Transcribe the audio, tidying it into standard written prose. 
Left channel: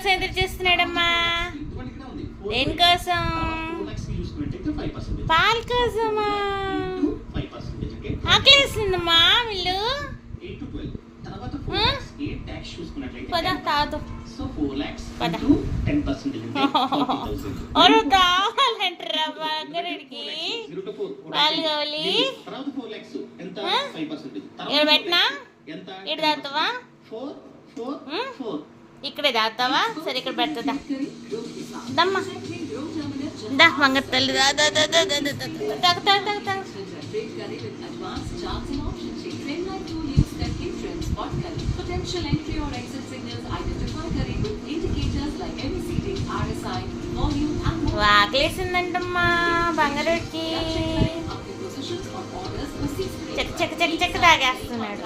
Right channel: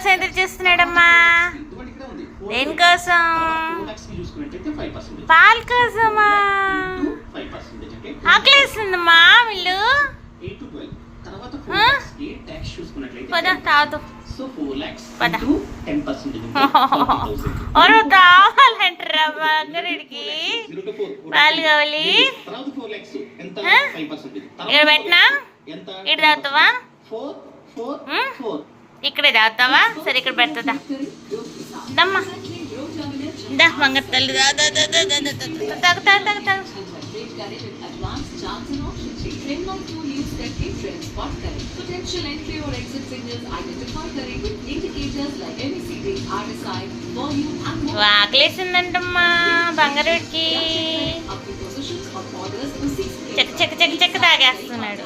దేనికోసం ఎదురు చూస్తున్నాడమ్మా? దేనికోసం? పాల కోసమా? ఆకలేస్తుందమ్మా వీళ్ళు. పద తాగుతాం. పద. ఓరు తావాలంటారా బంగారుడికి? పాలు కావాలి. ఇక్కడ పెట్టినా ఇక్కడ తాగుతావా? ఇక్కడే తాగుతావా? సరే ఇక్కడ పెడతా. దమ్మా దా బంగారు తల్లి తాగు తాగు తాగు తాగు. Potential entry or exit signals identify curry with indicators like MECD, RSI, volume and more. ఆకలేసిందంటమ్మా బంగారుడికి. చెక్క చెక్క చెక్క చెక్క తాగేస్తున్నాడు.